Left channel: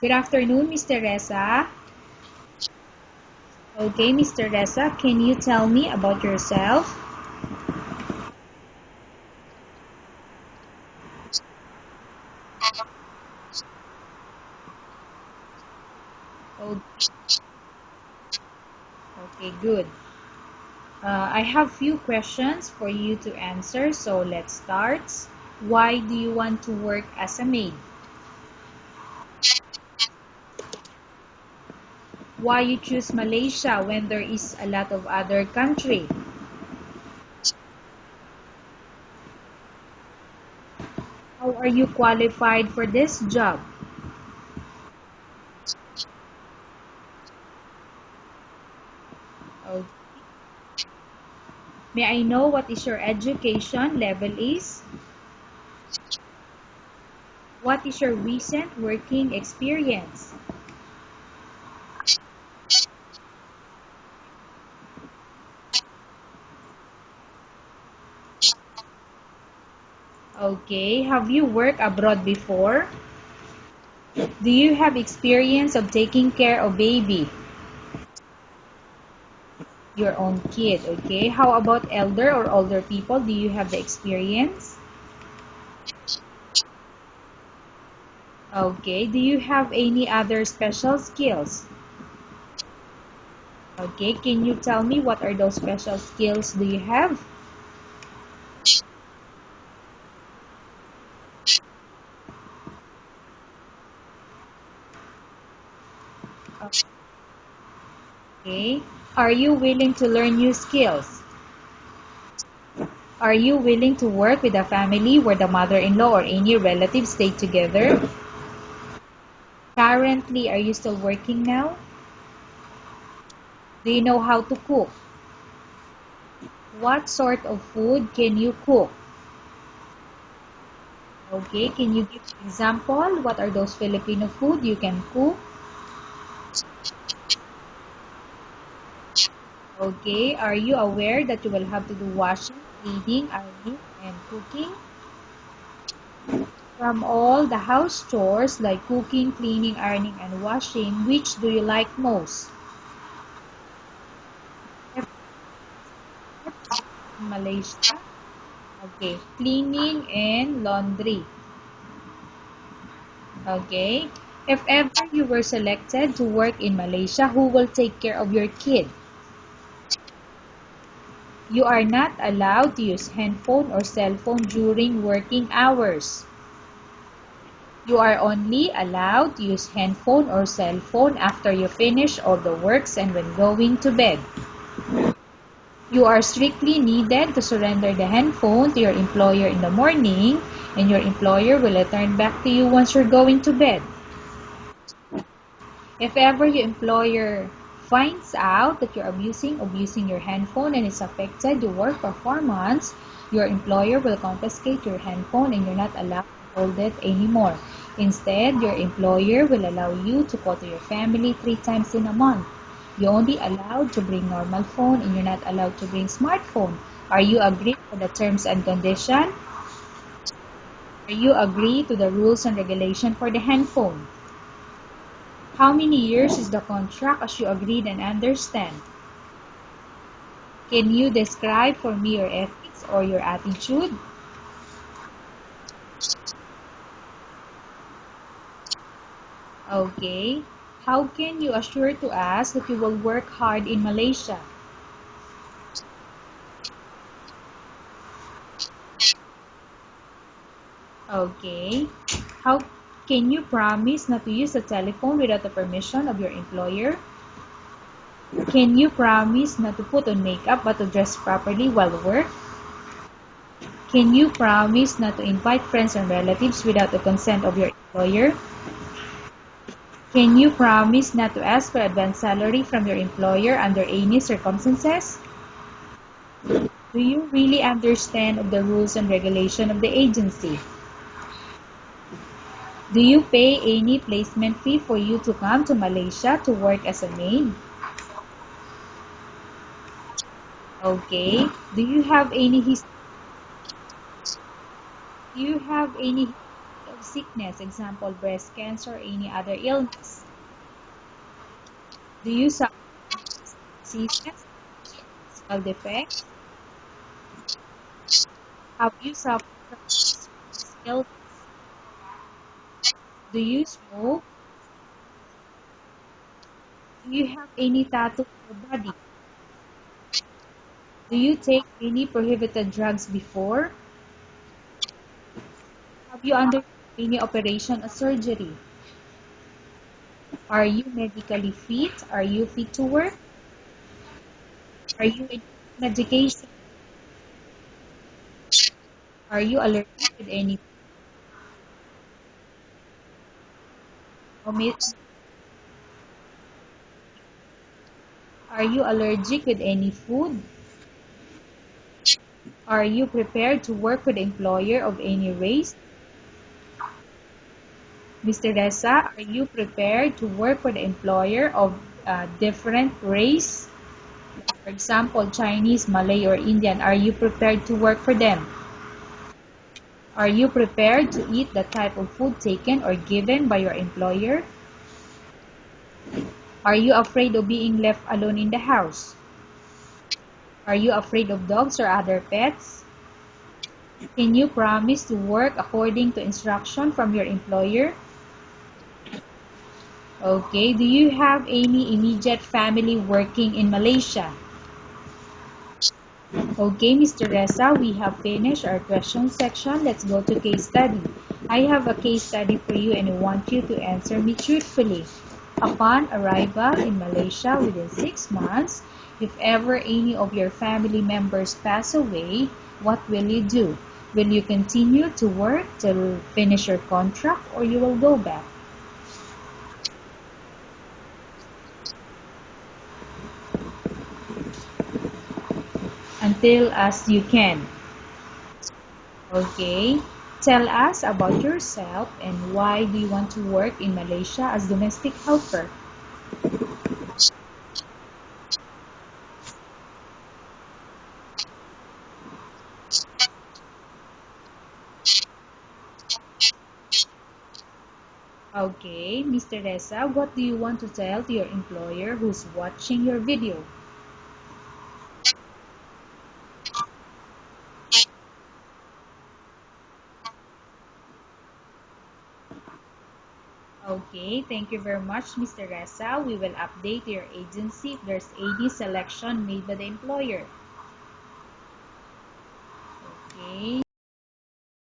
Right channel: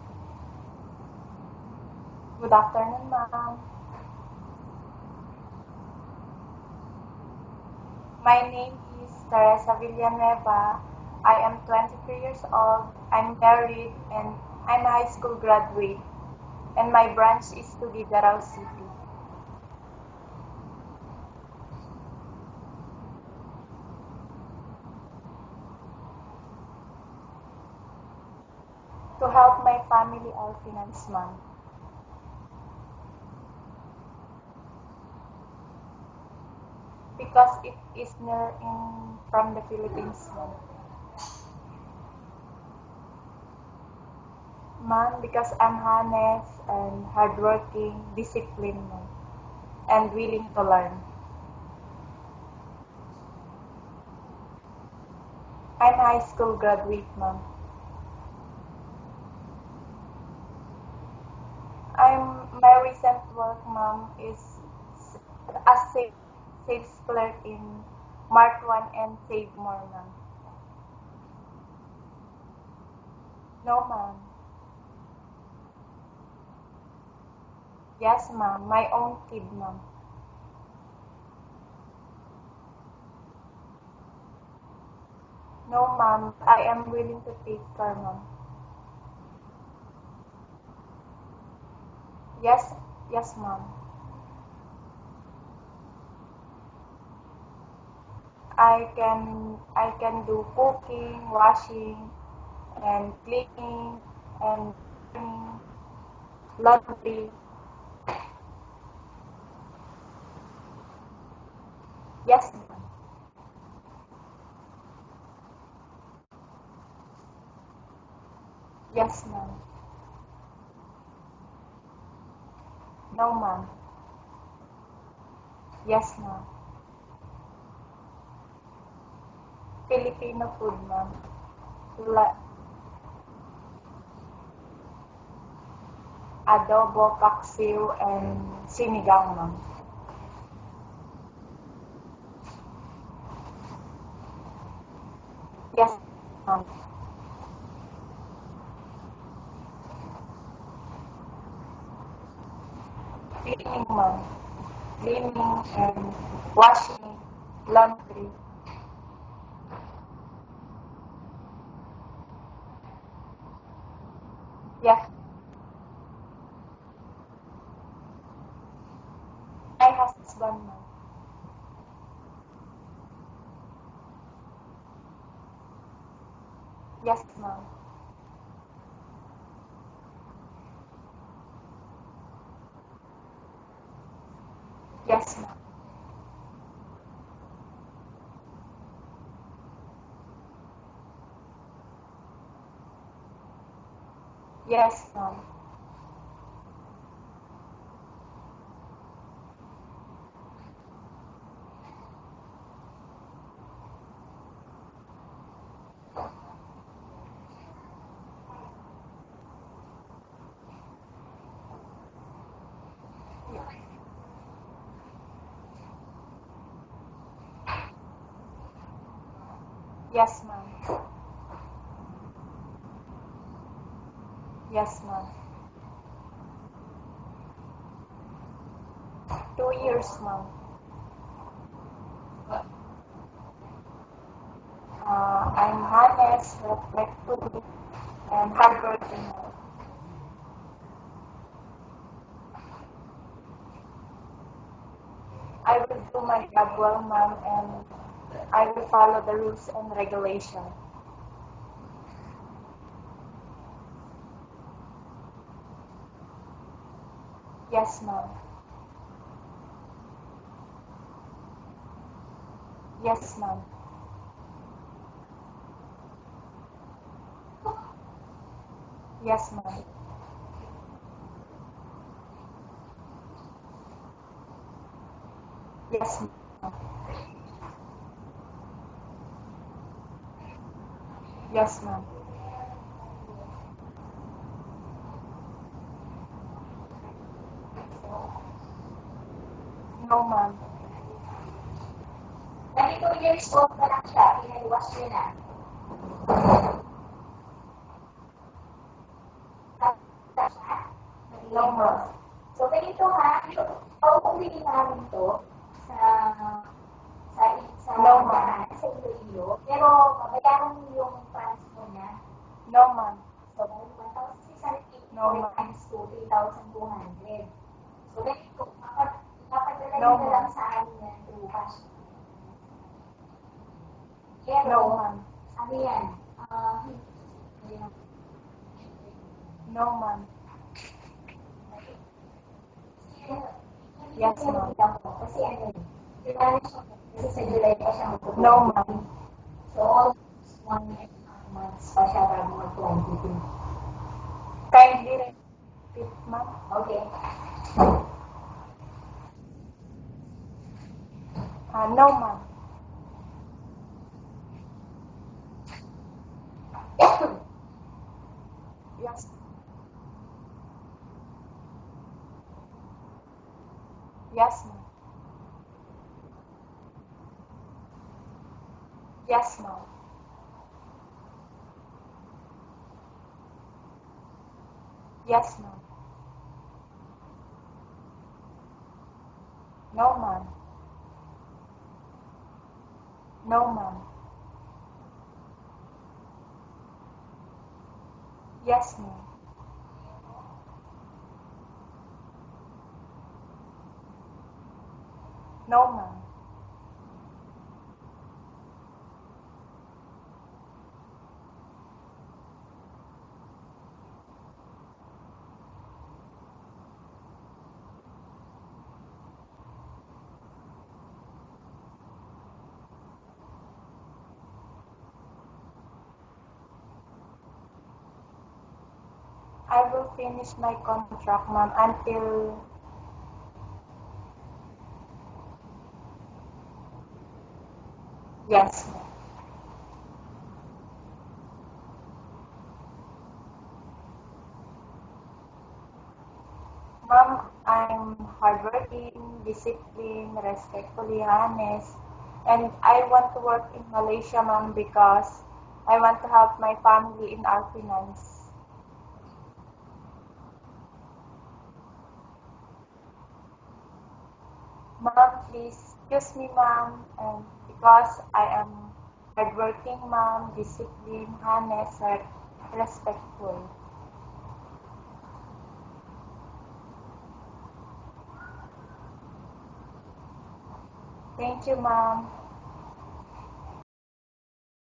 Good afternoon, Miss Teresa. Good afternoon, ma'am. Okay, Miss Teresa, can you tell me about yourself? My name is Teresa Villanueva. I am 23 years old. I'm married and I'm a high school graduate. O- And my branch is Tuguegarao City. Okay, good. I have few questions for you to answer, so let's start. Why do you want to work as a maid? To help my family finance, ma'am. Why you choose Malaysia when there is a lot of other country? Because it is near from the Philippines, ma'am. How are you qualified for this job? Ma'am, because I'm honest and hardworking, disciplined, ma'am, Okay. and willing to learn. May I know what is your education level is? I'm a high school graduate, ma'am. What is your recent working experience? My recent work, ma'am, is as sales clerk in Mart 1 and Save More, ma'am. Okay, have you worked abroad before? No, ma'am. Do you have experience of taking care of baby? Yes, ma'am. My own kid, ma'am. Your own kid, okay? How about elder or older people? Do you have the experience? No, ma'am. I am willing to take care, ma'am. Okay, do you have any other special skills? Yes, yes, ma'am. Okay, can you tell me what are those special skills do you have? I can do cooking, washing, and cleaning, and laundry. Okay, are you willing to learn new skills? Yes, ma'am. Are you willing to work with a family where the mother-in-law or any relatives stay together? Yes, ma'am. Currently, are you still working now? No, ma'am. Do you know how to cook? Yes, ma'am. What sort of food can you cook? Filipino food, ma'am. Okay, can you give Like an example? What are those Filipino food you can cook? adobo, paksiw, and sinigang, ma'am. Okay, are you aware that you will have to do washing, cleaning, ironing, and cooking? Yes, ma'am. From all the house chores like cooking, cleaning, ironing, and washing, which do you like most? Cleaning, ma'am. If Cleaning and washing, in Malaysia, laundry. okay, cleaning and laundry. Okay, if ever Yes, you were selected to work in Malaysia, who will take care of your kid? my husband, ma'am. You are not allowed to use handphone or cell phone during working hours. Yes, ma'am. You are only allowed to use handphone or cell phone after you finish all the works and when going to bed. Yes, ma'am. You are strictly needed to surrender the handphone to your employer in the morning, and your employer will return back to you once you're going to bed. Yes, ma'am. If ever your employer finds out that you're abusing your handphone and it's affected your work performance, your employer will confiscate your handphone and you're not allowed to hold it anymore. Instead, your employer will allow you to call to your family 3 times in a month. You're only allowed to bring normal phone and you're not allowed to bring smartphone. Are you agree to the terms and condition? Yes, ma'am. Are you agree to the rules and regulation for the handphone? Yes, ma'am. How many years is the contract as you agreed and understand? 2 years, ma'am. Can you describe for me your ethics or your attitude? I'm honest, respectful, and hardworking, ma'am. Okay. How can you assure to us that you will work hard in Malaysia? I will do my job well, ma'am, and I will follow the rules and regulation. Okay. How can you promise not to use the telephone without the permission of your employer? Yes, ma'am. Can you promise not to put on makeup but to dress properly while work? Yes, ma'am. Can you promise not to invite friends and relatives without the consent of your employer? Yes, ma'am. Can you promise not to ask for advance salary from your employer under any circumstances? Yes, ma'am. Do you really understand of the rules and regulation of the agency? Yes, ma'am. Do you pay any placement fee for you to come to Malaysia to work as a maid? No, ma'am. Okay. Do you have any history? 22 years old pa lang siya. Do you have any history of sickness, example, breast cancer, or any other illness? No, ma'am. Do you suffer diseases, physical defects? No, ma'am. Have you suffered illness? No, ma'am. Do you smoke? No, ma'am. Do you have any tattoo on your body? No, ma'am. Do you take any prohibited drugs before? No, ma'am. Have you undergone any operation or surgery? No, ma'am. Are you medically fit? Are you fit to work? Yes, ma'am. Are you in medication? No, ma'am. Are you allergic with any food? Kindly repeat, ma'am. Are you allergic with any food? No, ma'am. Are you prepared to work with an employer of any race? Mr. Reza, are you prepared to work with an employer of different race? Yes, For example, Chinese, Malay, or Indian. Are you prepared to work for them? yes, ma'am. Are you prepared to eat the type of food taken or given by your employer? Yes, ma'am. Are you afraid of being left alone in the house? No, ma'am. Are you afraid of dogs or other pets? No, ma'am. Can you promise to work according to instruction from your employer? Yes, ma'am. Okay, do you have any immediate family working in Malaysia? No, ma'am. Okay, Mr. Reza, we have finished our question section. Let's go to case study. I have a case study for you and I want you to answer me truthfully. Upon arrival in Malaysia within 6 months, if ever any of your family members pass away, what will you do? Will you continue to work till finish your contract or you will go back? I will finish my contract, ma'am, Until as you can. yes, ma'am. Okay. Tell us about yourself and why do you want to work in Malaysia as domestic helper? Ma'am, I'm hardworking, disciplined, respectfully honest, and I want to work in Malaysia, ma'am, because I want to help my family in our finance. Okay, Mr. Reza, what do you want to tell to your employer who's watching your video? Ma'am, please excuse me, ma'am, and because I am hardworking, ma'am, disciplined, honest, and respectful. Okay, thank you very much, Mr. Reza. We will update your agency if there's any selection made by the employer. Thank you, ma'am. Okay.